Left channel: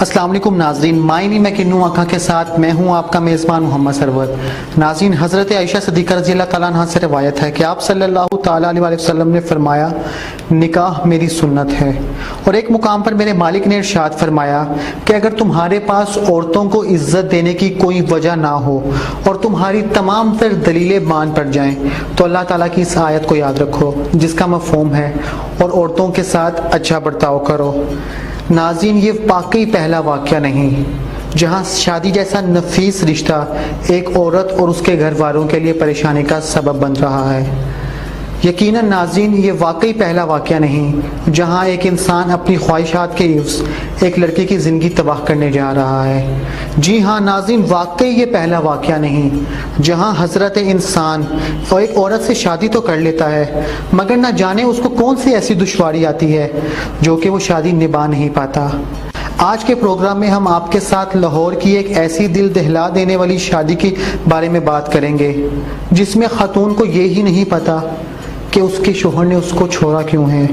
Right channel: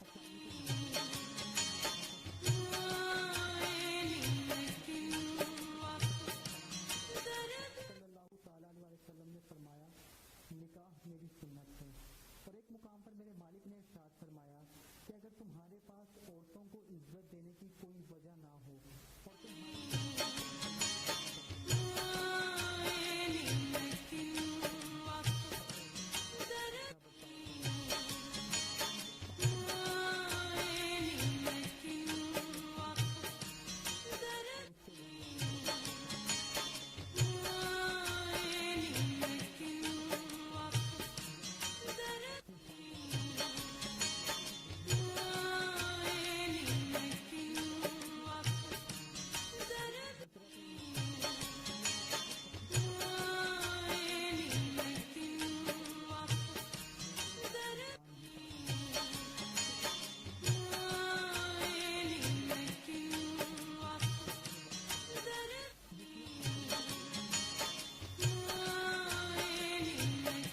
अस्सलाम वालेकुम नाज़रीन, मायनी मैं किन्नू आँखा के साथ मैं हूँ आपका मेज़बान मोहम्मद सरवर। नाज़रीन, हज़रत आयशा सिद्दीक़ा रज़ी अल्लाह तआला अन्हा से रवायत है कि आप सल्लल्लाहु तआला अलैहि वसल्लम ने फरमाया, निकाह मेरी सुन्नत है। और एक मुकाम पर मेरे मालिक ने इरशाद फरमाया कि अगर तुम्हारे पास औरतों को इज्जत देने की कोई वजह ना हो और तुम्हारी तमाम तर दलीलें मान पड़ जाएं तो अल्लाह ताला की इस आयत को याद रखो जिसका मफ़हूम है और औरतों के साथ अच्छा बर्ताव करो। नाज़रीन, ये वाकई पहला वाक़या नहीं जहां शादी जैसा नफीस रिश्ता एक औरत और उसके घर वालों के लिए परेशानी का सबब बन रहा है। यकीनन नाज़रीन, ये वाकई पहला वाक़या नहीं जहां एक इंसान अपनी ख्वाहिशात के युज़ एक लड़की की ज़िंदगी तबाह करने जा रहा है। जी हाँ नाज़रीन, वाकई ये पहला वाक़या नहीं जहां हज़रत इंसान और एक औरत से शादी तो कर लेता है मगर ना जाने उसको कौन सी ऐसी दुश्वारी आती है जो कि वो शादी निभा नहीं पाता। आज के प्रोग्राम में हम आपके साथ लाहौर की एक ऐसी दिल दहला देने वाली शादी के बारे में बात करेंगे जिसमें खातून को ये ही नहीं पता कि उसके शोहर ने उसको छोड़ा क्यों है,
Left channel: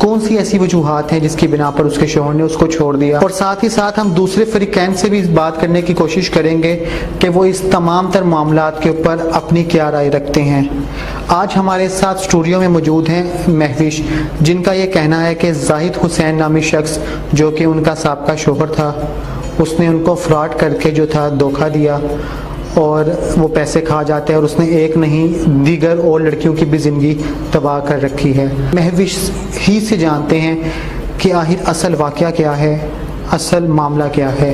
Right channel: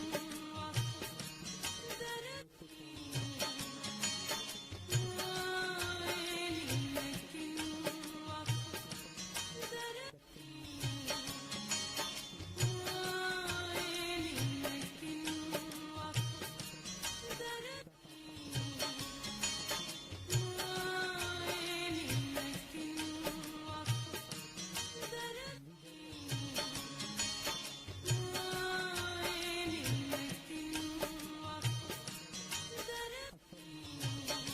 कौन सी ऐसी वजूहात हैं जिसकी बिना पर उसके शोहर ने उसको छोड़ दिया। और साथ ही साथ हम दूसरे फ़रीक़ैन से भी बात करने की कोशिश करेंगे कि वो इस तमाम तर मामलात के ऊपर अपनी क्या राय रखते हैं। आज हमारे साथ स्टूडियो में मौजूद हैं महविश, जिनका ये कहना है कि जाहिद हुसैन नामी शख्स जो कि उनका साबका शोहर था, उसने उनको फ्रॉड करके जो था धोखा दिया और वो पैसे खा जाते हैं और उसने एक नहीं दीगर और लड़कियों की भी ज़िंदगी तबाह कर रखी है। महविश ही से जानते हैं कि आखिर असल वाक़या क्या है, असल मामला क्या है।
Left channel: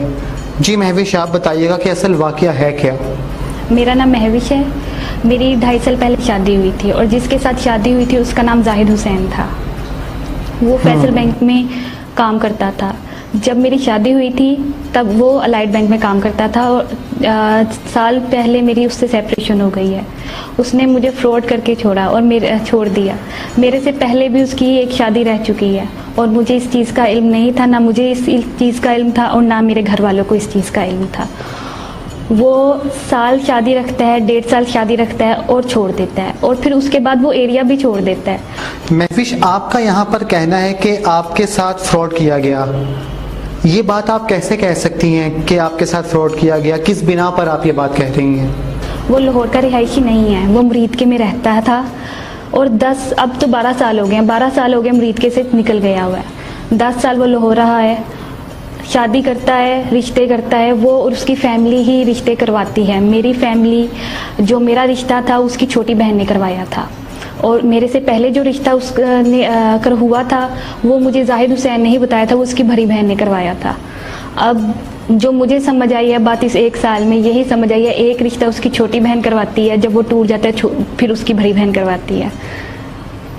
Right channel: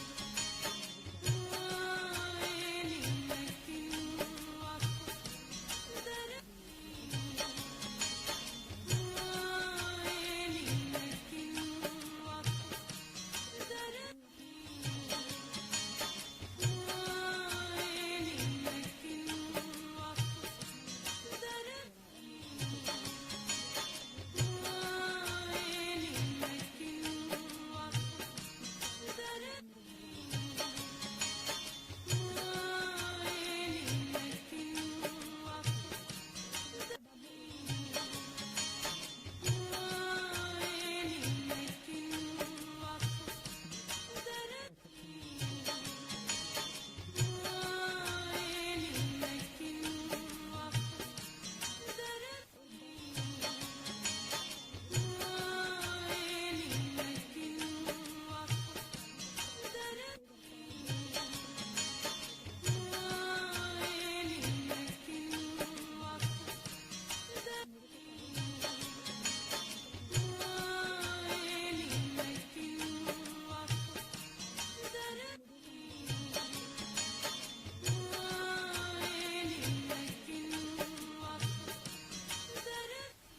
जी महविश, आप बताइएगा कि असल वाक़या है क्या। मेरा नाम महविश है। मेरी 2.5 साल पहले शादी हुई थी और जिसके साथ शादी हुई थी उसका नाम जाहिद हुसैन था। वो फैसल बैंक में काम करता था। जब मेरी शादी हुई थी तब वो अलाइड बैंक में काम करता था और साल पहले मेरी उससे सेपरेशन हो गई है। उसने मुझे फ्रॉड करके छोड़ा और छोड़ दिया। मेरे से पहले भी उसकी एक शादी रह चुकी है और मुझे इस चीज़ का इल्म नहीं था, ना मुझे इस चीज़ का इल्म था और ना मेरे घर वालों को इस चीज़ का इल्म था। वो साल शादी रखता है, 1.5 साल शादी रखता है और छोड़ देता है और फिर उसके बाद वो एरिया भी छोड़ देता है। महविश, आपका यहाँ पर कहना है कि आपके साथ फ्रॉड किया गया, ये बात आप कैसे कह सकती हैं कि आपके साथ फ्रॉड किया गया? किस बिना पर आप ये बात कह रही हैं? वो लाहौर का रिहायशी नहीं है, वो मुरीद के में रहता था और अब तो 12 साल हो गए हैं, 12 साल हो गए मुरीद के से निकल गया हुआ है। 10 साल वो लाहौर रहा है, शादी करता है, रिश्ते करता है, वो और उसकी फैमिली ही रिश्ते करवाती है। मेरी फैमिली, जो मेरा रिश्ता था उसकी छोटी बहन ने करवाया था और मेरे से पहले जो रिश्ता कर हुआ था वो मुझे जाहिद हुसैन ने ही बताया था, वो उसकी बड़ी बहन ने करवाया था। अब जो मुझे समझ आई है बात, इस 1 साल में यही समझ आई है, एक रिश्ता उसकी छोटी बहन करवाती है, जब वो टूट जाता है फिर उसकी बड़ी बहन करवाती है।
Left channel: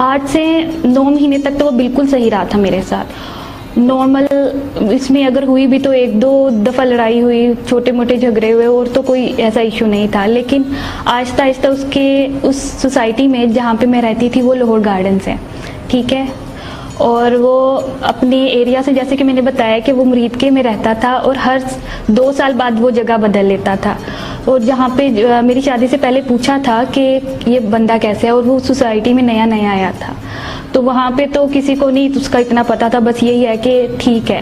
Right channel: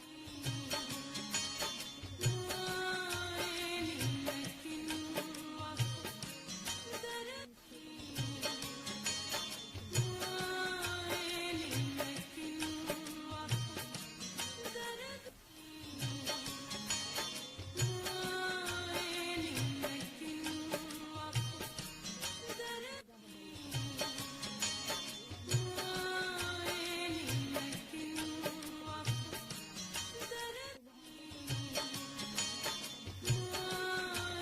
8 से 9 महीने तक तो वो बिल्कुल सही रहा था मेरे साथ, नॉर्मल। इसमें अगर हुई भी तो 1-2 दफ़ा लड़ाई हुई, छोटे मोटे झगड़े हुए और तो कोई ऐसा इशू नहीं था। लेकिन आहिस्ता आहिस्ता उस सोसाइटी में जहाँ पे मैं रहती थी वो लाहौर गार्डन्स है, ठीक है, और वो अपने एरिया से, जैसे कि मैंने बताया कि वो मुरीद के में रहता था और हर 2 साल बाद वो जगह बदल लेता था। और जहाँ पे मेरी शादी से पहले पूछा था कि ये बंदा कैसे है, और वो सोसाइटी में नया नया आया था तो वहाँ पे तो किसी को नहीं उसका इतना पता था, बस यही है कि ठीक है।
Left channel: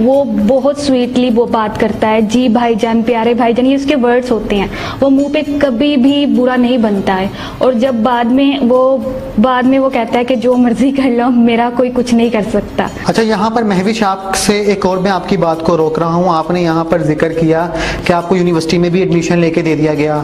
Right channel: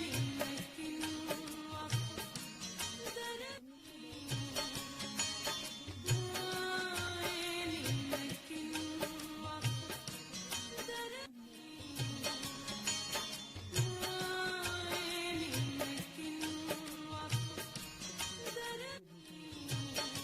वो बहुत स्वीटली वो बात करता है, जी भाईजान, प्यारे भाईजान, ये उसके वर्ड्स होते हैं। वो मुंह पे कभी भी बुरा नहीं बनता है और जब बाद में वो कहता है कि जो मर्जी कर लो, मेरा कोई कुछ नहीं कर सकता। अच्छा, यहाँ पर महविश आपसे एक और मैं आपकी बात को रोक रहा हूँ। आपने यहाँ पर जिक्र किया कि आपको यूनिवर्सिटी में भी एडमिशन लेके दे दिया गया,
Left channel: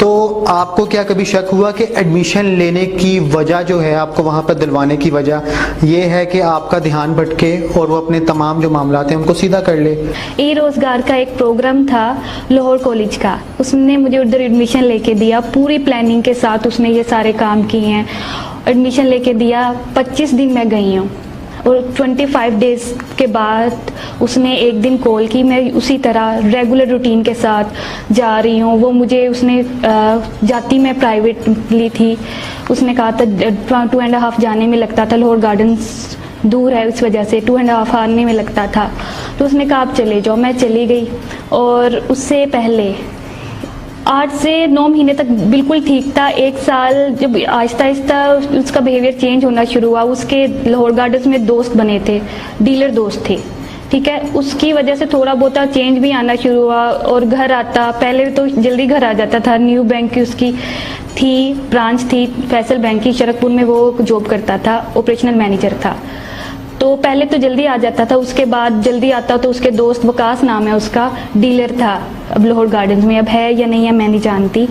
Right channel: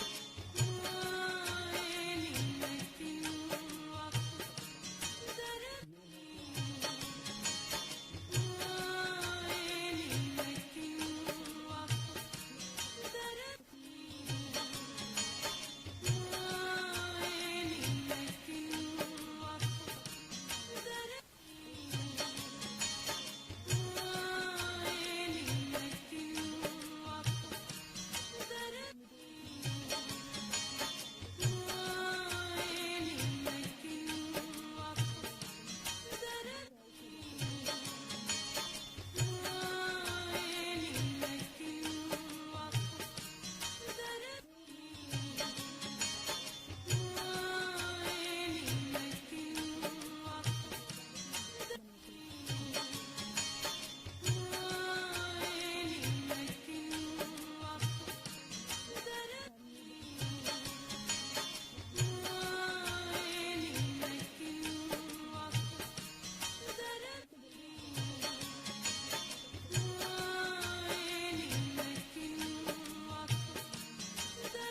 तो आपको क्या कभी शक हुआ कि एडमिशन लेने की वजह जो है, आपको वहाँ पर दिलवाने की वजह ये है कि आपका ध्यान भटके और वो अपने तमाम जो मामलात हैं उनको सीधा कर ले? ई रोज़गार का एक प्रोग्राम था लाहौर कॉलेज का, उसने मुझे उधर एडमिशन लेके दिया, पूरी प्लानिंग के साथ उसने ये सारे काम किए हैं, एडमिशन लेके दिया। 25 दिन मैं गई हूँ और 25 डेज़ के बाद उसने एक दिन कॉल की, मैं उसी तरह रेगुलर रूटीन के साथ जा रही हूँ। वो मुझे उसने जाती मैं प्राइवेटली थी, उसने कहा था 2.5 जाने में लगता था, लाहौर गार्डन्स दूर है इस वजह से 2.5 आने में लगता था, तो उसने कहा आप चले जाओ। मैं चली गई और उससे पहले 8 से 9 महीने तक बिल्कुल ठीक था। 1 साल जब आहिस्ता आहिस्ता उसका बिहेवियर चेंज होना शुरू हुआ, उसके लाहौर गार्डन्स में दोस्त बने थे, डीलर दोस्त थे, ठीक है, उसकी वजह से थोड़ा बहुत चेंज भी आना शुरू हुआ और घर आता, पहले तो जल्दी घर आ जाता था। न्यू बैंक की उसकी थी, ब्रांच थी फैसल बैंक की, शरकपुर में वो जॉब करता था, ऑपरेशनल मैनेजर था। तो पहले तो जल्दी आ जाता था, उसके बाद जल्दी आता तो उसके दोस्त, वकास नाम है उसका, डीलर था अब लाहौर गार्डन्स में, अब है या नहीं है मैं नहीं जानती।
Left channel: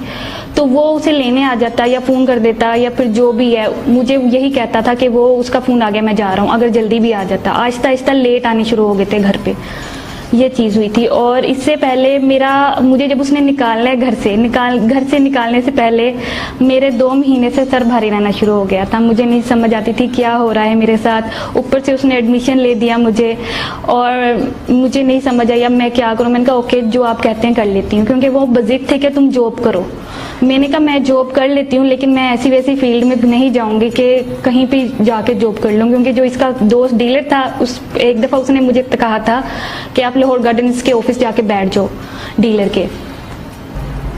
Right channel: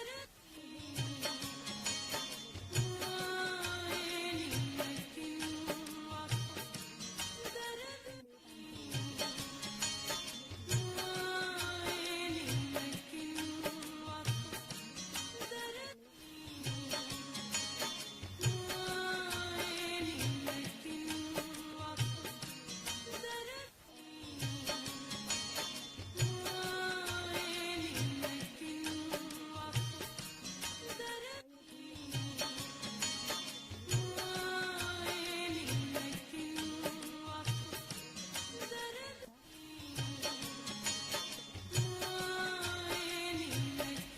तो वो उसे लेने आ जाता या फ़ोन कर देता या फिर जो भी है, मुझे यही कहता था कि वो उसका फ़ोन आ गया मैं जा रहा हूँ, अगर जल्दी भी आ जाता। आहिस्ता आहिस्ता लेट आने शुरू हो गए थे घर पे, ये चीज़ हुई थी। और इससे पहले मुझे जब उसने निकालना है घर से निकालने से पहले मेरे 2 महीने से सर भारी रहना शुरू हो गया था। मुझे नहीं समझ आती थी क्या हो रहा है मेरे साथ। ऊपर से उसने एडमिशन ले दिया मुझे और मुझे नहीं समझ आया मैं क्या करूँ। मैंने कहा ओके जो आप कहते हैं कर लेती हूँ, क्योंकि वो बजिद थे कि तुम जॉब करो। मैंने कहा मैं जॉब कर लेती हूँ, लेकिन मैं ऐसी वैसी फील्ड में नहीं जाऊंगी कि कहीं पे जाके जॉब कर लूँ, क्योंकि जो इसका दोस्त डीलर था एक दफ़ा उसने मुझे कहा था कि आप लाहौर गार्डन्स के ऑफिस जाके बैठ जाओ डीलर के।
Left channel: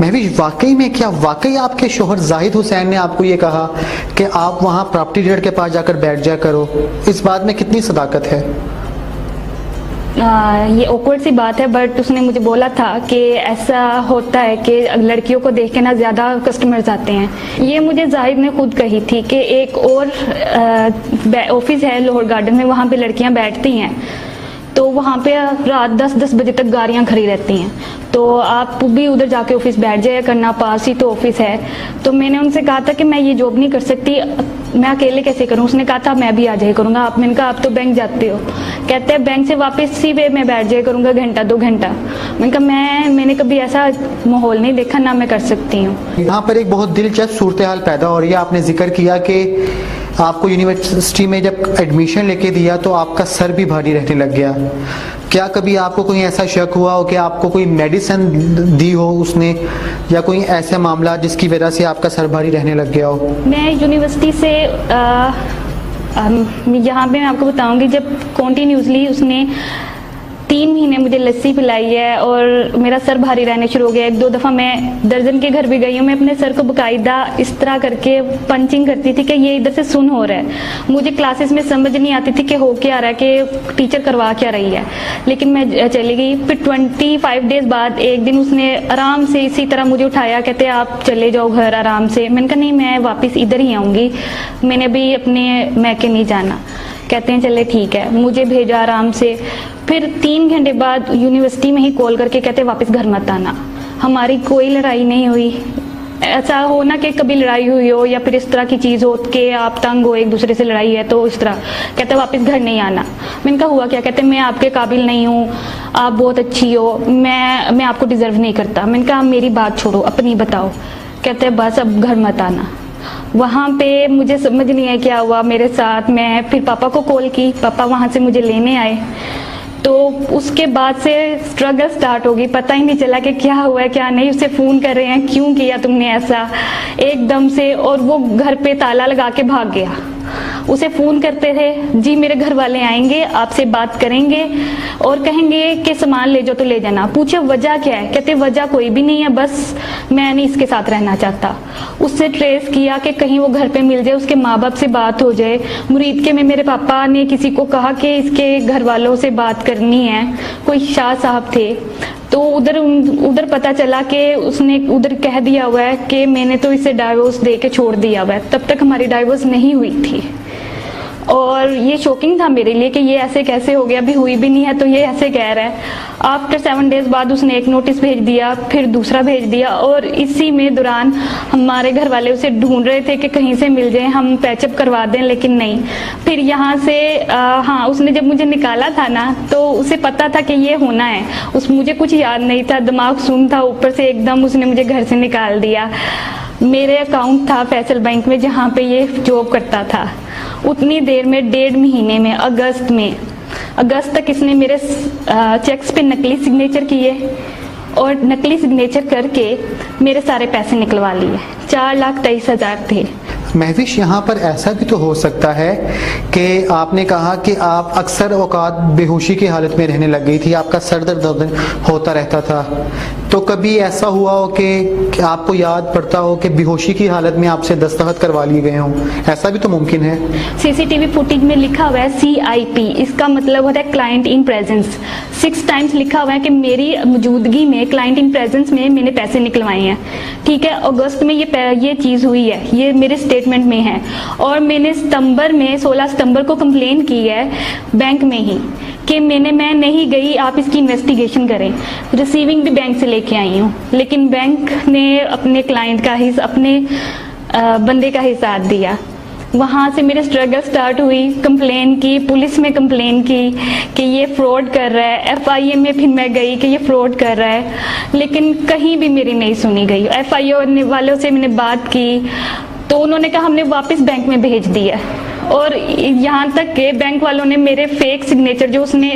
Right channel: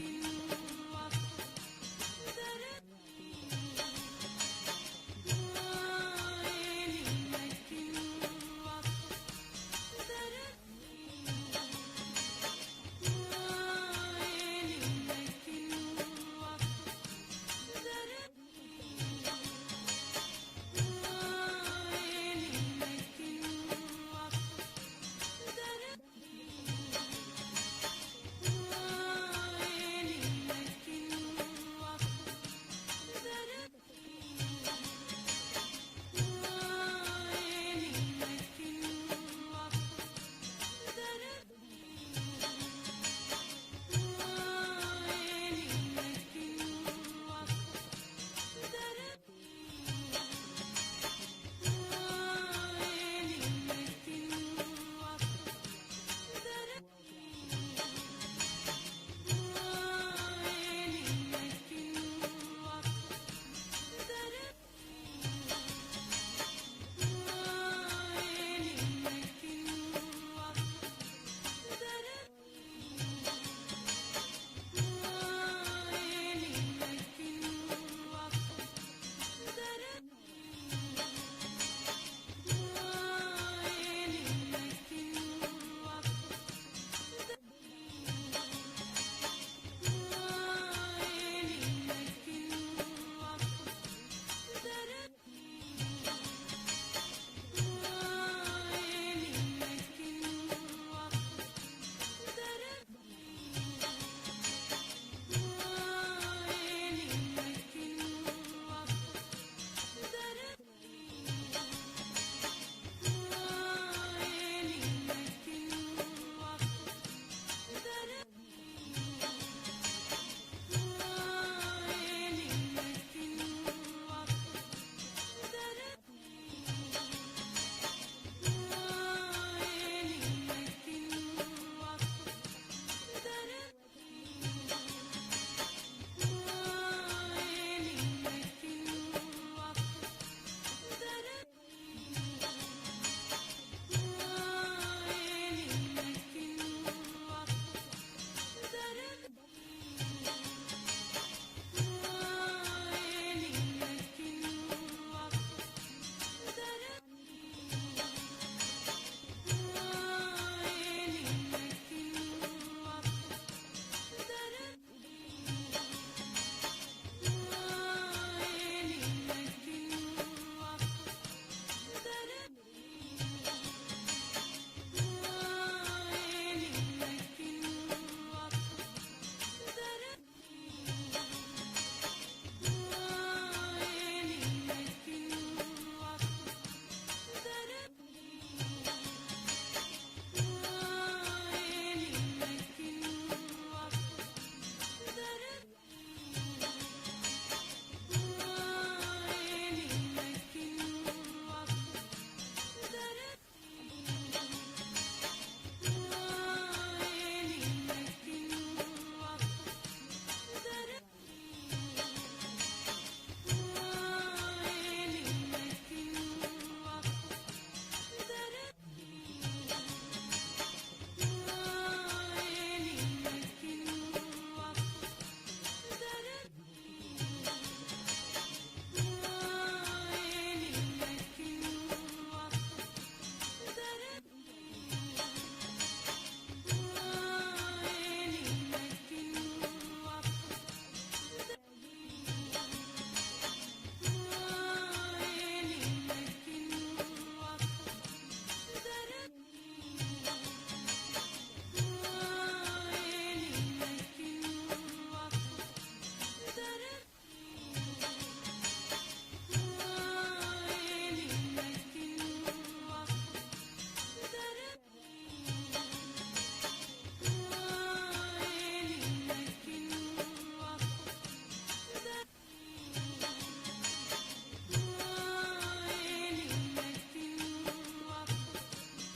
महविश, वाकई आपके शोहर जाहिद हुसैन ने आपको ये कहा कि आप वहाँ प्रॉपर्टी डीलर के पास जाकर बैठ जाया करो? इस बात में कितनी सदाकत है? ये ऑकवर्ड सी बात है, बट उसने मुझे बोला था कि ऐसा होता है कि लड़कियों को देख के ना ज़्यादा कस्टमर्स आते हैं। ये मुझे जाहिद ने खुद कही थी कि एक और ऑफिस है लाहौर गार्डन में, वहाँ पे लड़कियाँ बैठती हैं, तो वहाँ पे रात 10-10 बजे तक गाड़ियाँ खड़ी रहती हैं, तो आप भी उधर जाके ऑफिस बैठ जाया करना, पास ही तो ऑफिस है। तो मैंने उनसे कहा था कि मैं ये जॉब नहीं कर सकती, मैं अकेले कैसे करूं। उसने कहा था मैं भी आ जाया करूंगा। मैंने कहा आप तो बैंक जाते हो, कहते हैं बैंक से वापस इसी वे में बैठ जाया करूंगा 1-2 घंटा। मैंने कहा मैंने कभी ऐसा माहौल नहीं देखा, ना मैं कर सकती हूँ। यहाँ पर एक बहुत दिलचस्प सूरत हाल पैदा हो रही है। आपने जिक्र किया कि आपको यूनिवर्सिटी में जब एडमिशन लेके दिया तो आपका सर भी भारी रहने लग गया। क्या कभी आपको कोई ऐसा शक हुआ हो कि आपको कोई मेडिसिन दी हो उसने, या कोई ऐसा मामला जिसकी वजह से आपका सर भारी रहने लग गया हो? मैं यूनिवर्सिटी से यहाँ पे मैं आपको बताऊंगी, जब कॉन्टीन्यूसली उसने 3 महीने मुझे लस्सी पिलाई है और मेरा सर भारी रहने शुरू हो गया। 1-2 दफ़ा मैं दर्जन के घर भी गई हूँ, मैं अपने सर को बाकायदा इस तरह करके पंचिंग करती थी कि ये इधर से सुन हो रहा है। मुझे क्लासेस में समझ नहीं आती थी कि हो क्या रहा है, कि टीचर करवा क्या रही है, लेकिन मैं चली गई। फिर 25 डेज बाद एक दिन उसने आराम से इसी तरह मुझे उठाया, कहते आप चले जाओ घर आराम से। मैंने कहा नहीं, मैं वापस इधर ही आऊँगी, मैंने अभी अपने मैके नहीं जाना। कहते हैं चले ठीक है, मुझे भेजा आराम से। फिर 3 घंटे बाद यूनिवर्सिटी में ही कॉल करके कहते वापस घर मत आना। हमारी कोई लड़ाई नहीं हुई। ऐसा हो ना कि कभी लड़ाई हुई हो या फिर इस तरह की चीज़ हो कि आप तंग हो, एक दूसरे से लड़ाई है तो इस तरह, कहते वापस घर नहीं आना। मैंने कहा हुआ क्या? कहते मैं आपके काबिल नहीं हूँ, आप बहुत अच्छी हो, मैं आपको डिज़र्व नहीं करता। मैंने कहा मेरी बात छोड़ो, अपनी बताओ। कहते बस अब घर मत आना। वहाँ पे मुझे समझ नहीं है क्या हुआ मेरे साथ। मैं फिर पापा को कॉल की, पापा वहाँ से मुझे लेने आए, तो उसके बाद से स्ट्रगल स्टार्ट हो गई। पता ही नहीं चला कि क्या हुआ है क्या नहीं। उसे फ़ोन कर रहे हैं, क्यों किया तुमने ऐसा एकदम से, और वो घर पे ताला लगा के भाग गया। उसे फ़ोन करते थे, जी मेरे घर वाले आएंगे, आपसे बात करेंगे और कहेंगे कि सामान ले जाओ तो ले जाना। पूछे वजह क्या है? कहते वजह कोई भी नहीं है, बस मैं नहीं इसके साथ रहना चाहता। उससे ट्रेस किया कि कहीं वो घर पे मिल जाए, उसके माँ बाप से बात हो जाए। मुरीद के में मेरे पापा ने किसी को कहा कि इसके घर वालों से बात करनी है, कोई शाह साहब थे, तो उधर पता चला कि उसने उधर कह दिया हुआ है कि मैंने तो इसे डाइवोर्स दे के छोड़ दिया हुआ है। तब तक हमारी डाइवोर्स नहीं हुई थी और ये शॉकिंग था मेरे लिए कि ये ऐसे कैसे हो गया, अभी हुई भी नहीं है तो ये ऐसे कह रहा है। आफ्टर 7 डेज बाद उसने एक नोटिस भेज दिया, फिर दूसरा भेज दिया, और इसी में दौरान हमारे घर वाले उसे ढूंढ रहे थे कि कहीं से मिल जाए, हम पैचअप करवा दें, लेकिन नहीं। फिर यहाँ से हाँ, उसने जब मुझे निकाला था ना, तो उसे पता था कि ये होना है। मुझे कुछ याद नहीं था, दिमाग सुन था, ऊपर से एकदम उसने मुझे घर से निकाल दिया। मेरे अकाउंट था फैसल बैंक में जहाँ पे ये जॉब करता था। उतनी देर में 1.5 महीने में अगस्त तक इसने मेरे चेक्स पे नकली सिग्नेचर किए और नकली सिग्नेचर करके मेरे सारे पैसे निकलवा लिए। 4,23,000 थे। महविश, यहाँ पर ऐसा भी तो हो सकता है कि आपने कहा कि आप अक्सर औकात बेहोशी की हालत में रहने लग गई थी, आपका सर दर्द होता रहता था, तो कभी ऐसा हुआ हो कि आपको याद पड़ता हो कि बेहोशी की हालत में आपसे दस्तखत करवा लिए गए हों, ऐसा भी तो मुमकिन है। सीसीटीवी फुटेज में लिखा हुआ है CIP, इसका मतलब होता है क्लाइंट इन प्रेजेंस। 6 टाइम्स लिखा हुआ है कि मेरी मौजूदगी में क्लाइंट इन प्रेजेंस में मैंने पैसे निकलवाए हैं। ठीक है, अगस्त में ये चीज़ हुई है, ये मेरे स्टेटमेंट में है। और मैंने सितंबर में 16 सितंबर को कंप्लेन की है बैंक में ही कि मैं नहीं गई, आप इसकी इन्वेस्टिगेशन करें। रिसीविंग भी बैंक से लेके आई हूँ, लेकिन बैंक ने अपने क्लाइंट का ही, अपने बंदे का ही साथ दिया। वहाँ से मेरी स्ट्रगल स्टार्ट हुई, कंप्लेन की, पुलिस में कंप्लेन की कि ये फ्रॉड कर रहा है। FIA में फिर मैं गई कि ये फ्रॉड कर रहा है, लेकिन कहीं भी मेरी नहीं सुनी गई। FIA वालों से मैंने बात की तो उन्होंने कहा हमने वापस बैंक में भेज दिया। और यहाँ तक के बैंक वालों ने मेरे फेक सिग्नेचर, जो उसने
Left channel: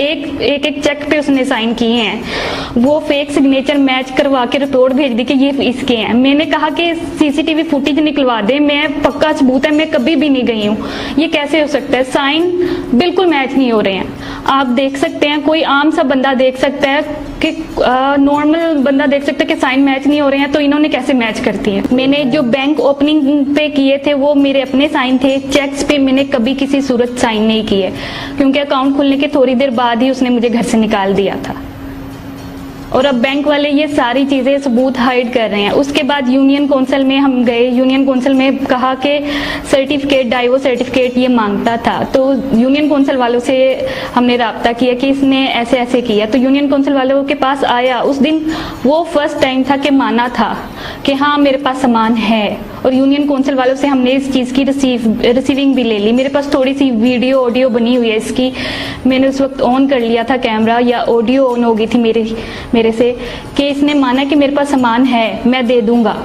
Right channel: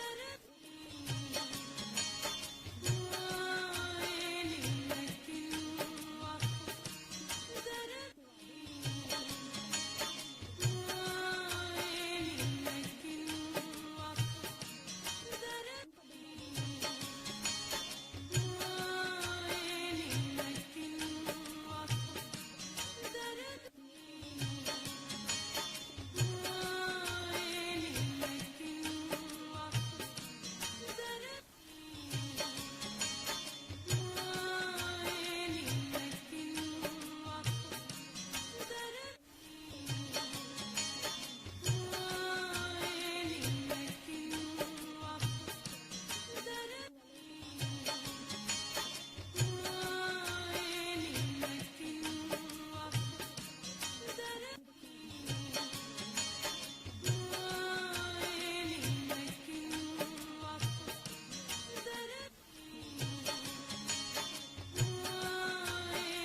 एक चेक पे उसने साइन किए हैं, वो फेक सिग्नेचर मैच करवा के रिपोर्ट भेज दी कि ये इसके हैं। मैंने कहा कि CCTV फुटेज निकलवा दे, मैं पक्का सबूत है, मैं कभी भी नहीं गई हूँ, ये कैसे हो सकता है? साइन बिल्कुल मैच नहीं हो रहे हैं। आप देख सकते हैं, कोई आम सा बंदा देख सकता है कि नॉर्मल बंदा देख सकता है कि साइन मैच नहीं हो रहे हैं, तो इन्होंने कैसे मैच करती है? मैंने जो बैंक ओपनिंग पे किए थे वो मेरे अपने साइन थे, चेक्स पे मैंने कभी किसी सूरत साइन नहीं किए, क्योंकि अकाउंट खुलने के थोड़ी देर बाद ही उसने मुझे घर से निकाल दिया था। और अब बैंक वाले ये सारी चीज़ें सबूत हाइड कर रहे हैं। उसके बाद यूनियन काउंसिल में हम गए, यूनियन काउंसिल में कहा कि सर्टिफिकेट, डाइवोर्स सर्टिफिकेट ये मांगता था, तो यूनियन काउंसिल वालों से हमने रब्ता किया कि इसने ऐसे ऐसे किया। तो यूनियन काउंसिल वालों के पास आया, उस दिन वो फर्स्ट टाइम था कि माना था कि हाँ मेरे पास सामान है। और यूनियन काउंसिल वालों से हमने इस चीज़ की रिसीविंग भी ले ली। मेरे पास थोड़ी सी वीडियो ऑडियो बनी हुई है इसकी, मैंने उस वक्त ऑन कर लिया था कैमरा, या ऑडियो ऑन हो गई थी मेरे से, कि इसने माना कि मेरे पास सामान है, मैं दे दूंगा।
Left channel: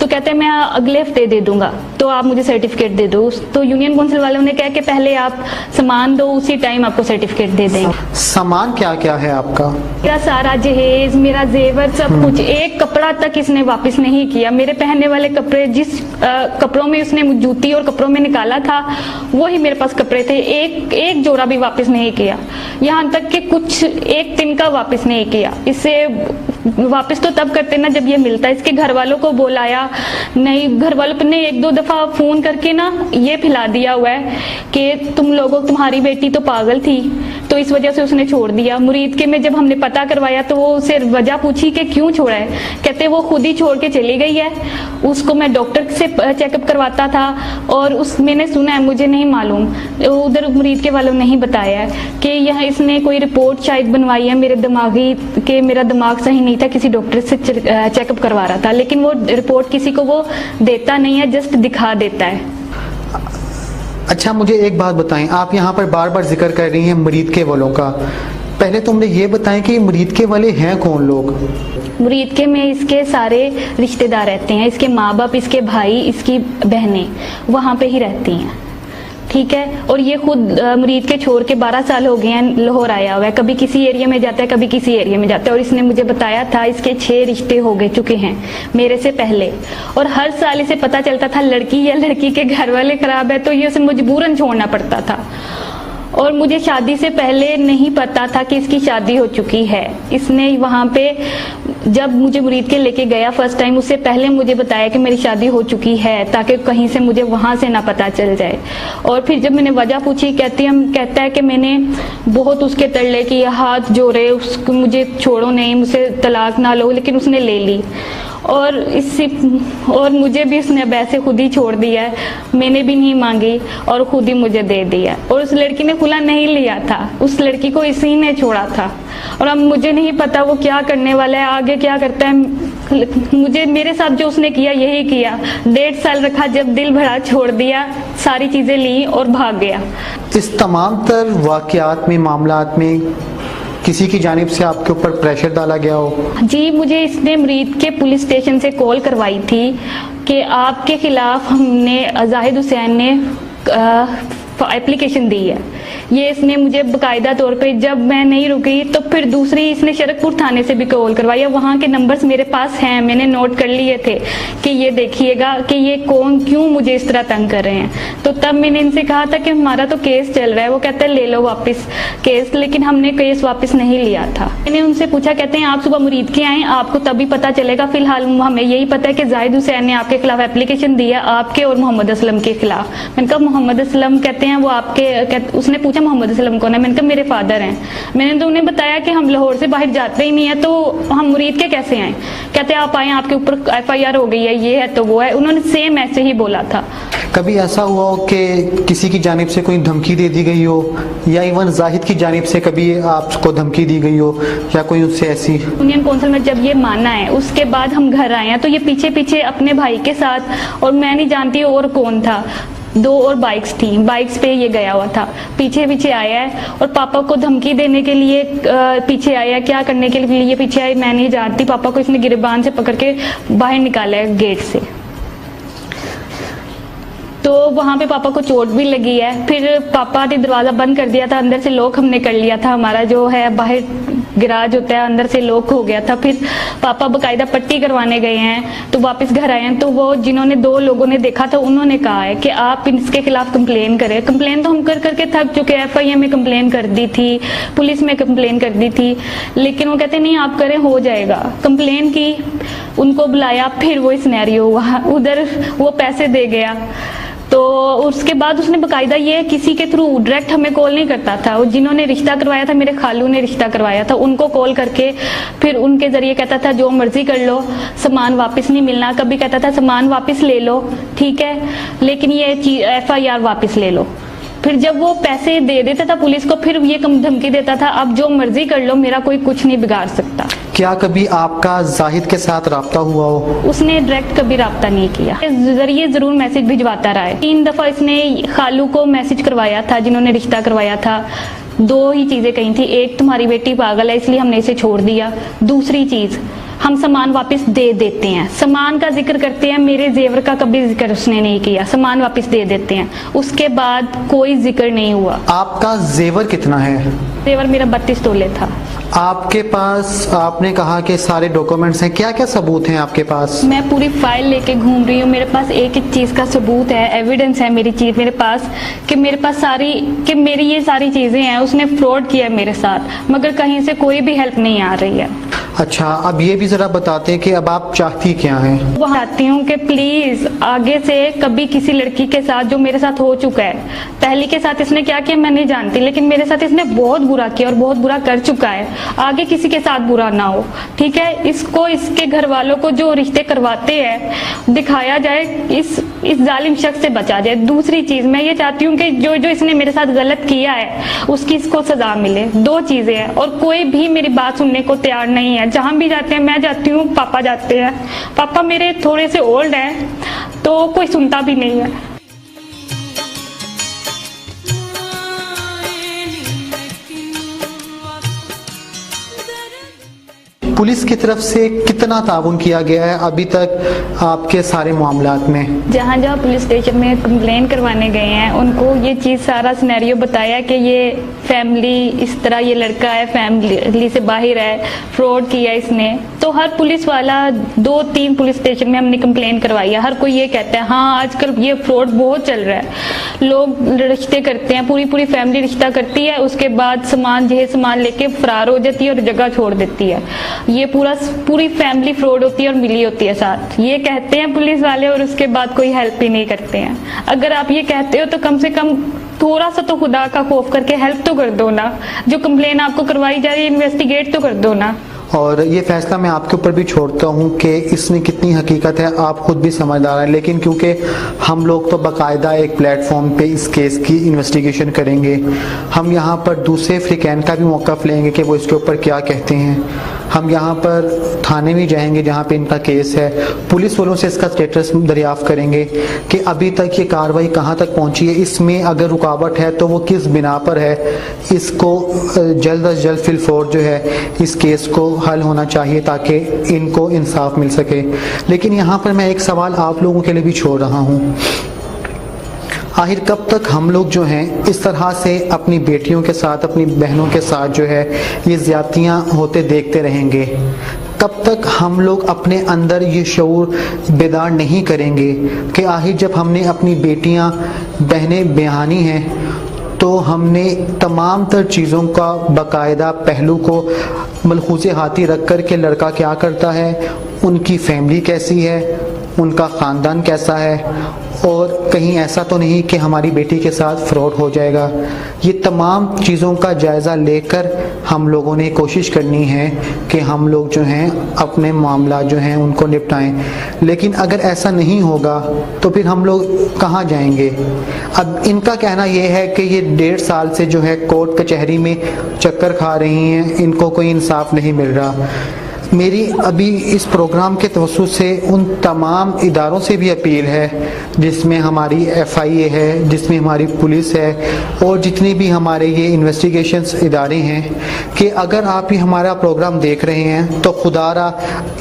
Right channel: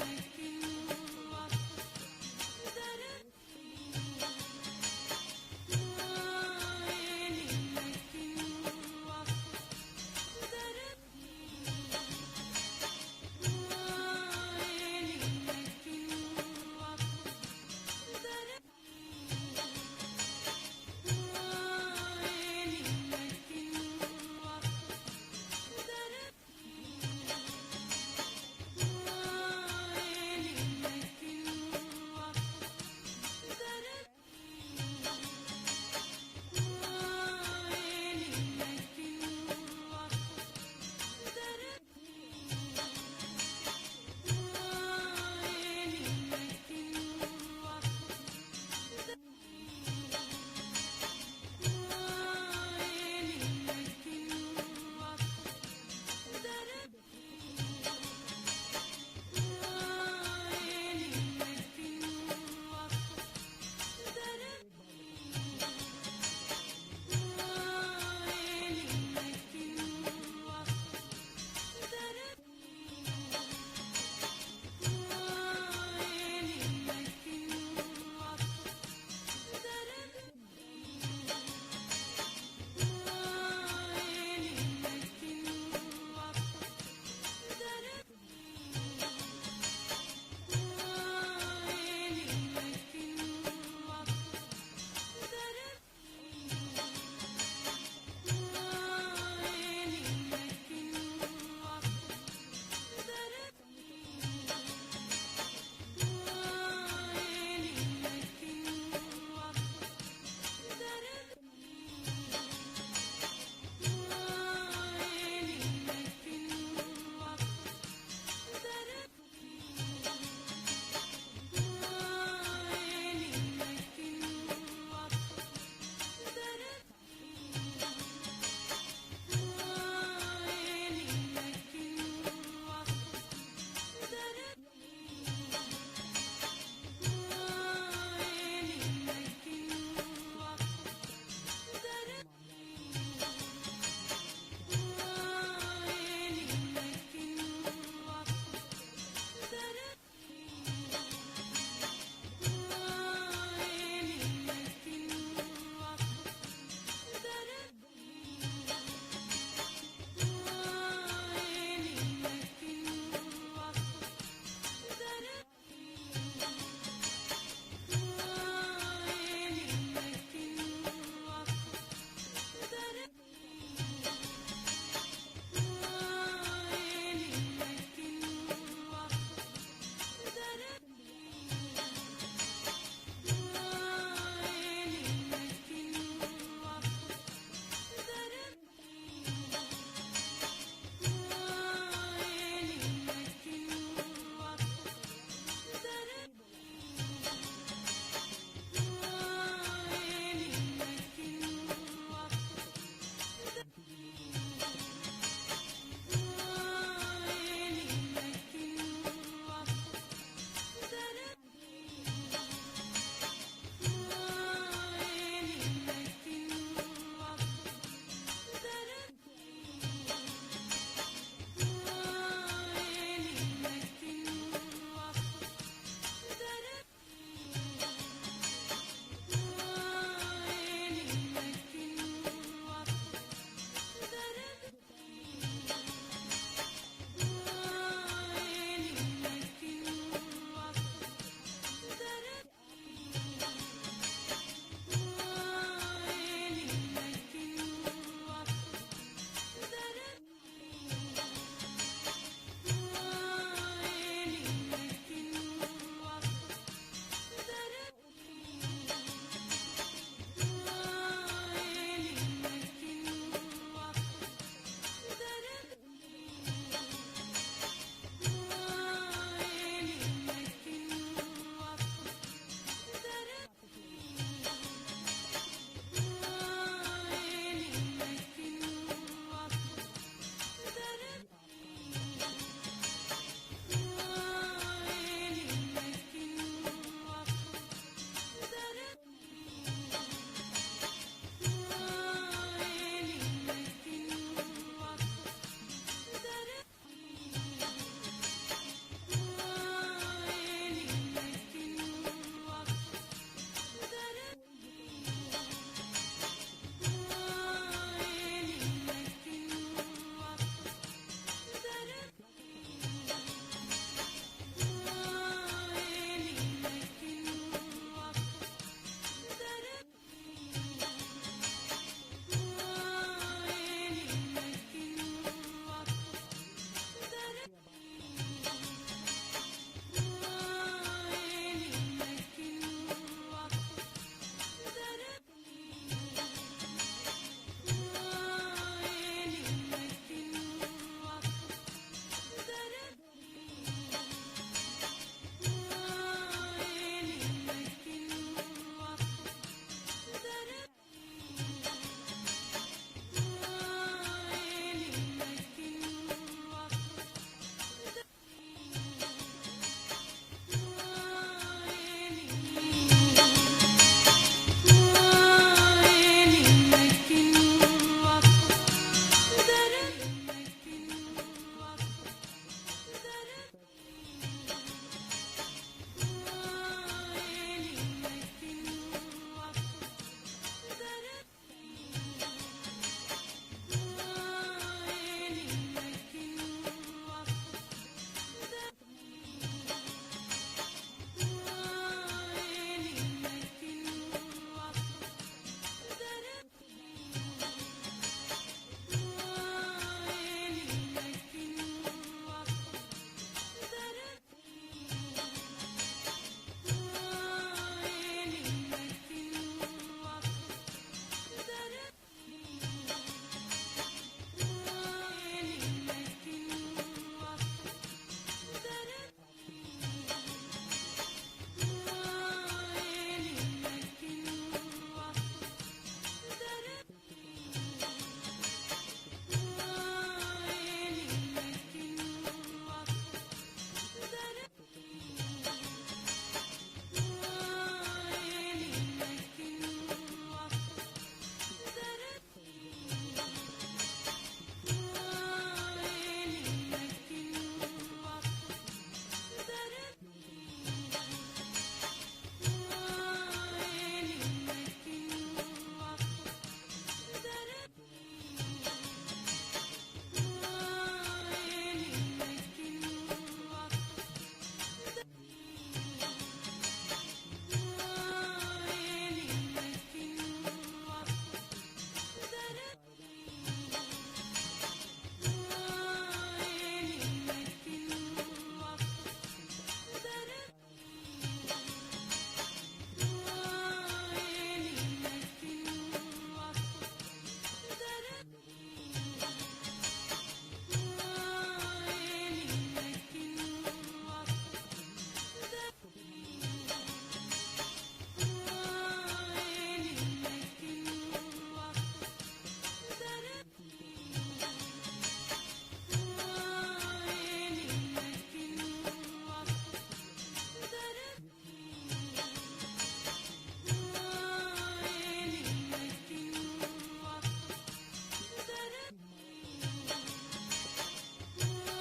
तो कहते हैं मैं अगले हफ्ते दे दूंगा, तो आप मुझे सर्टिफिकेट दे दो। तो यूनियन काउंसिल वालों ने कहा कि पहले आप सामान दो, उसी टाइम आपको सर्टिफिकेट दे देंगे। सामान क्या क्या है आपका? मेरा सारा जहेज, मेरा जेवर, सब कुछ, एक कपड़ा तक इसने वापस नहीं किया। मेरे पहनने वाले कपड़े, जिस कपड़ों में उसने जूती और कपड़ों में निकाला था, वही मेरे पास कपड़े थे, एक जोड़ा भी वापस नहीं किया। यहाँ तक कि कुछ एक तिनका वापस नहीं किया। इससे वापस तो तब करते ना जब ये मिलता है। इसके घर वालों को बुलाया, नहीं, घर वालों ने 1-2 दफा फोन करके ना ये फैला दिया हुआ है कि तुम लोगों, तुम्हारी बेटी तो पागल थी, तो इस वजह से उसने छोड़ दिया। मुरीद के में जब हमने पता करवाया तो वो उससे वजह पूछी कि क्यों छोड़ा है, कहते वो खुद ही छोड़ के चली गई है, उसको मैं डॉक्टर से चेकअप करवाता था और मैंने सुना है, मुझे नहीं मालूम, उधर मुरीद के वालों ने ही बताया है कि यहाँ इसने कोई रिपोर्ट शायद बनवाई है मेरे दिमागी, कि मेरा दिमाग सही नहीं था, किसी डॉक्टर से चेकअप करवा रहा था, लेकिन वो रिपोर्ट किसी को वो देता नहीं है, जस्ट दिखा देता है। अच्छा, मुझे एक बात बताएं, आप यहाँ पर बार बार जिक्र कर रही हैं मुरीद के वालों का, पहले तो मुझे ये बताएं कि मुरीद के वाले हैं कौन लोग? मुरीद के में इसके सारे रिश्तेदार रहते हैं, इसके माँ बाप, इसके भाई, इसकी बहनें वहाँ पे ही रहती हैं। ठीक है, और ये खुद मुरीद के छोड़ के 12 साल हो गए हैं लाहौर आया हुआ है, कभी किसी एरिया में जाता है, कभी किसी एरिया में जाता है। और इसने मुझे बताया था इसके 6 रिश्ते हो गए चुके हैं मेरे से पहले, और हर साल इसे पता चलता था लड़की या लड़की के घर वाले खराब है तो ये उसे मजबूरन छोड़ना पड़ता था। और मुझे शादी से पहले नहीं पता था कि इसकी शादी हो चुकी है। इसने वहाँ पे जब मुझे मुरीद के लेके गया फर्स्ट टाइम, उससे पहले मुझे बताया कि मेरी शादी हो चुकी है, ताकि कहीं से मुझे वहाँ से ना पता चल जाए। और फिर जब मैंने वजह पूछी, कहता है कि मैंने बहुत उसके तरले किए, हाथ जोड़े, उसको मुझे छोड़ो नहीं, मुझसे तलाक ना लो, लेकिन उसने ले ली। और मुझे भी उसने अब ऐसे खुद ही छोड़ दिया है, मैंने भी नहीं मांगी और खुद ही मुझे दे दिया। और उस लड़की ने खुला नहीं लिया था, उस लड़की को इसी ने छोड़ा था। और अब मुझे नहीं पता वो क्या करने वाला है, आगे क्या करता है। मुझे, मेरे साथ जो उसने किया यही किया, 1.5 साल रखा, जब दिल भरा छोड़ दिया, सारी चीजें ली और भाग गया। इस तमाम तर वाकयात में, मामलात में किसी की जानिब से आपके ऊपर प्रेशर डाला गया हो? जी, मुझे इसने मुरीद के पुलिस स्टेशन से कॉल करवाई थी कि आपके खिलाफ हमने, जाहिद हुसैन ने एप्लीकेशन दी है। ये इसने मुझे बाकायदा तौर पे, जब मैं नहीं रुकी तो फिर दूसरी इसने शरकपुर थाने से भी कॉल करवाया। वहाँ के नंबर्स मेरे पास हैं, मैंने नोट कर लिए थे कि ये देखिएगा कि ये कौन क्यों मुझे इस तरह तंग कर रहे हैं। तो तब मैंने इनसे कहा था कि हमारा तो केस चल रहा है। वो कहते हैं ले लो वापस केस, लेकिन हमने केस वापस नहीं लिया था। मैंने उनसे पूछा, कहते हैं आप सुबह मुरीद के आए, आपको तभी पता चलेगा। फिलहाल हमें यही पता है कि जाहिद हुसैन ने आपके खिलाफ एप्लीकेशन दिया, आपके और मोहम्मद असलम के खिलाफ। मैंने कहा मोहम्मद असलम, कहते हैं वो आपके, उसने पूछा मोहम्मद असलम कौन है। मैंने कहा मेरे फादर हैं। मैंने तो उन्हें बताया कि हम लाहौर से बाहर जाते ही नहीं है, तो हम मुरीद के कैसे आए। कहते हैं आप आए, आपके ऊपर FIR हो गई है, ये है तो वो है। उन्होंने सेम ऐसे ही बोला था। कभी ऐसा हुआ हो कि किसी की जानिब से कोई धमकी दे दी गई हो, या इवन जाहिद की जानिब से कभी आपको धमकी दी गई हो, या कोई उससे ऐसी? यूनियन काउंसिल में जब ये माना है, उसके बाद हम घर आए हैं, तो ये पीछे पीछे अपने भाई के साथ, और मैं नहीं जानती और कौन था, 2 और बाइक्स थी, बाइक्स पे ये गया हुआ था, पीछे पीछे आया है और पापा को धमकी देने के लिए पीछे आया। क्या करने के लिए ये पीछे आया मैं नहीं जानती। पापा को इसने गिरबान से पकड़ के बाहर निकाला है गेट से, तो वहाँ पे पापा को चोट भी लगी है। फिर पापा ने दरवाज़ा बंद कर दिया था, अंदर से लॉक हमने कर लिया था, हमारा जो है बाहर गिराज होता है अंदर से लॉक हो गया था। फिर पापा बाकायदा पट्टी करवाने गए हैं, तो वापस घर आए हैं, तो वो जिन्होंने 2 लोगों ने देखा था उन्होंने कहा है कि आप इसके खिलाफ कंप्लेन करें। कंप्लेन तो हम कर करके थक चुके हैं, FIR में कंप्लेन कर दी थी, पुलिस में कंप्लेन कर दी थी, लेकिन वो कहते नहीं आप करें हो जाएगा। कंप्लेन की, उनको बुलाया, फिर वो सिनेरियो हुआ, उधर वो पैसे दे गया। तो उसके बाद उसने बाकायदा ये किसी के थ्रू डायरेक्ट हमें कॉल नहीं करता था, और जिन्होंने रिश्ता करवाया था, मेरे खालू ने रिश्ता करवाया था, उनको कॉल करके फिर उनके जरिए कहता था जो मर्जी कर लो, सामान वापस नहीं मिलना। कभी कहता था सामान वापस ले लो, ठीक है, लेकिन ये FIR वापस ले लो। फिर जब वो पैसे दे देता था पुलिस को, फिर ये कम धमकी देता था, अब जो मर्जी कर लो, मेरा कोई कुछ नहीं बिगाड़ सकता। क्या कभी आपका जाहिद के साथ राब्ता हुआ हो? उसने डायरेक्ट कभी राब्ता नहीं किया, जरिए जरूर मैसेज भिजवाता रहा है। 3 दफा इसने खालू को मैसेज करवाया था, जिन्होंने रिश्ता करवाया था। 2 ही चीजें कही थी, एक तुम्हारी बेटी पागल है इसलिए हमने इसे छोड़ दिया, दूसरी चीज हम सामान वापस दे देते हैं। सामान का जिक्र करते हैं, मेरे जेवर का कभी जिक्र उसने नहीं किया, सामान वापस दे देते हैं, उसके बाद कोई जिक्र नहीं हुआ। आपका जेवर कितना है? जेवर मेरा 32 तोले था। आपके पास, आपने कहा कि सारे डॉक्यूमेंट्स हैं, क्या क्या सबूत हैं आपके पास? मैं पूरी फाइल लेके घूम रही हूँ, मेरे पास एक एक चीज का सबूत है, एविडेंस है मेरे पास कि मेरे पास सारी, कि मेरी ये सारी चीजें हैं। उसने फ्रॉड किया मेरे साथ, मगर कहीं से कोई भी हेल्प नहीं आ रही है। अच्छा, अब ये भी जरा बताते हैं कि अब आप चाहती क्या हैं? वो चाहती हूँ कि प्लीज आगे से कभी किसी लड़की के साथ, जो मेरे साथ हो चुका है, पहली के साथ इसने क्या किया मैं नहीं जानती, लेकिन मेरे साथ इसने बहुत बुरा किया और बहुत बुरा कर चुका है, आगे किसी के साथ बुरा ना हो, ठीक है। इसको, इसके घर वालों को जो रिश्ते करवाते हैं दिखाया जाए, इस जालिम शख्स से बचा जाए। दूसरी चीज मैं ये चाहती हूँ कि जो जो इसने मेरे साथ गलत किया है उसकी इसको सजा मिले। 2 चीजें हैं, और कोई भी मेरी बात सुनने को तैयार नहीं है। जहां भी जाते हैं, मैं जाती हूँ, पापा जाते हैं, पापा मेरे थोड़े से ओल्ड हैं, तो कोई सुनता भी नहीं है। पुलिस की तरफ से कितना ताउन किया गया है अभी तक आपके सारे मामलात में? जहाँ जहाँ पुलिस स्टेशन में कंप्लेन करवाने गए हैं, उनको ये चीज़ सारा सिनेरियो बताया कि ये फैमिली इस तरह, ये लड़का है फैमिली से बाहर है, फ्रॉड किया इसने। तो हर पुलिस वाला, 2-3 पुलिस स्टेशन में हमने कंप्लेन करवाई है। हर कोई ये कहता है हाँ आजकल ये फ्रॉड बहुत चल रहा है, लोग रिश्ते करते हैं, पूरी पूरी फैमिली रिश्ता करती है, उसके बाद सामान लेके फरार हो जाती है और जगह छोड़ देती है। ये पूरी फैमिली फ्रॉड होती है और मिली होती है साथ, ये कहते हैं पुलिस वाले, और उसके बाद कोई हेल्प ही नहीं करते हैं। अगर आप ये कहते हो तो कम से कम थोड़ा सा तो खुदा का खौफ करके हेल्प तो कर दो ना। जो कंप्लेन आपको करवाई जा रही है, इन्वेस्टिगेट तो कर दो ना। और ये फैसला मैं आपके ऊपर भी छोड़ता हूँ कि इसमें कितनी हकीकत है, आप खुद भी समझदार हैं, लेकिन क्योंकि हम लोग तो बाकायदा एक प्लेटफॉर्म पे इस केस की इन्वेस्टिगेशन करेंगे, हम यहाँ पर दूसरे फ्रिकैन का भी मौक़िफ़ लेंगे कि वो इसके ऊपर क्या कहते हैं। हम यहाँ पर थाने भी जाएंगे जहाँ पे इनका केस है, पुलिस वालों से इसका स्टेटस दरियाफ्त करेंगे कि अभी तक ये कार्रवाई कहाँ तक पहुँची है, इसमें अगर रुकावट है तो वो किस बिना पर है। इसको जल्द अज जल्द फिलफौर जो है इस केस को हल होना चाहिए ताकि इनको इंसाफ मिल सके। लेकिन यहाँ पर मैं एक सवाल आप लोगों के लिए भी छोड़ रहा हूँ। आखिर कब तक हम लोग जो हैं इस तरह से अपनी बेटियों के साथ, अपनी बहनों के साथ जो है ये ज़्यादतियाँ होते देखते रहेंगे? कब तक हम लोग अपने अंदर ये शऊर बेदार नहीं करेंगे कि आखिर जब हमने अपनी बेटियां बहनें ब्याहनी हैं तो हमने तमाम तर चीज़ों का बाकायदा पहलू को मलहूज़े हाथी रख कर के लड़का क्या करता है, उनकी फैमिली कैसी है, उनका ख़ानदान कैसा है, और कहीं ऐसा तो नहीं कि हमारी बेटी के साथ फ्रॉड हो जाएगा। ये तमाम चीज़ों का जायज़ा लेकर हम लोगों ने कोशिश करनी है कि हम लोग जो हैं अपने मामला जो हैं उनको निपटाएं। लेकिन अगर ऐसा नहीं होगा तो फिर हम लोग कहाँ जाएंगे? अब इनका कहना ये है कि ये 1.5 साल से जो है कोर्ट कचहरी में चक्कर खा रही हैं, इनको कोई इंसाफ नहीं मिल रहा। मेरी अभी इस प्रोग्राम के तवज्जुह से उन तमाम इदारों से भी अपील है जिसमें हमारी FIA है, जिसमें हमारी पुलिस है और जितने भी हमारे ये इन्वेस्टिगेशंस इदारे हैं कि अगर आप ही हमारा प्रोग्राम देख रहे हैं तो खुदारा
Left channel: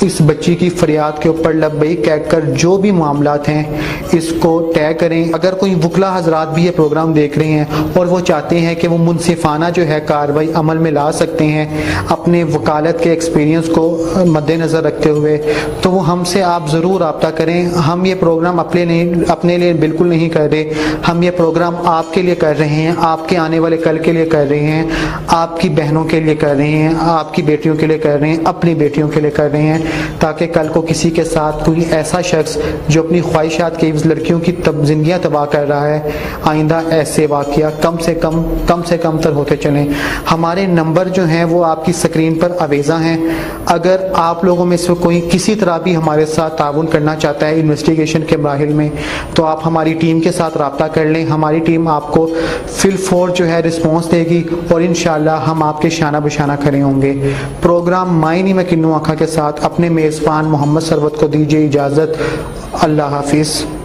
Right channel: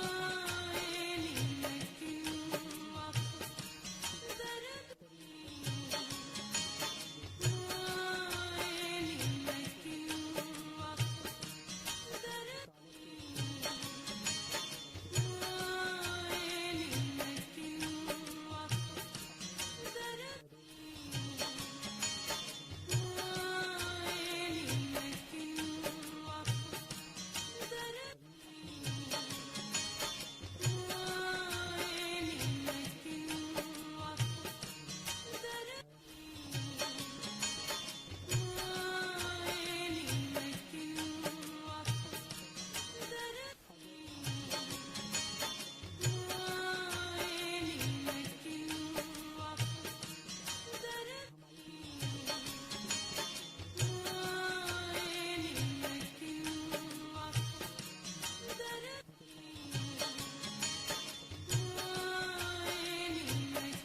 इस बच्ची की फरियाद के ऊपर लब्बैक कहकर जो भी मामलात हैं इसको तय करें। अगर कोई वकला हजरात भी ये प्रोग्राम देख रहे हैं और वो चाहते हैं कि वो मुनसिफाना जो है कार्रवाई अमल में ला सकते हैं अपने वकालत के एक्सपीरियंस को मद्देनज़र रखते हुए, तो वो हमसे आप ज़रूर रब्ता करें। हम ये प्रोग्राम अपने लिए बिल्कुल नहीं कर रहे, हम ये प्रोग्राम आपके लिए कर रहे हैं, आपके आने वाले कल के लिए कर रहे हैं, आपकी बहनों के लिए कर रहे हैं, आपकी बेटियों के लिए कर रहे हैं, अपनी बेटियों के लिए कर रहे हैं, ताकि कल को किसी के साथ कोई ऐसा शख्स जो अपनी ख्वाहिशात के लड़कियों की ज़िंदगियाँ तबाह कर रहा है, आइंदा ऐसे वाक़या कम से कम तर होते चलें। हमारे नंबर जो हैं वो आपकी स्क्रीन पर अवेज़ा हैं। अगर आप लोगों में से कोई किसी तरह भी हमारे साथ ताउन करना चाहता है इन्वेस्टिगेशन के मराहिल में, तो आप हमारी टीम के साथ रब्ता कर लें। हमारी टीम आपको फिल फोर जो है रिस्पॉन्स देगी और इंशाअल्लाह हम आपके शाना बशाना खड़े होंगे। प्रोग्राम मायनी में किन्नू आखा के साथ अपने मेज़बान मोहम्मद सरवत को दीजिए इजाज़त। अल्लाह हाफिज़।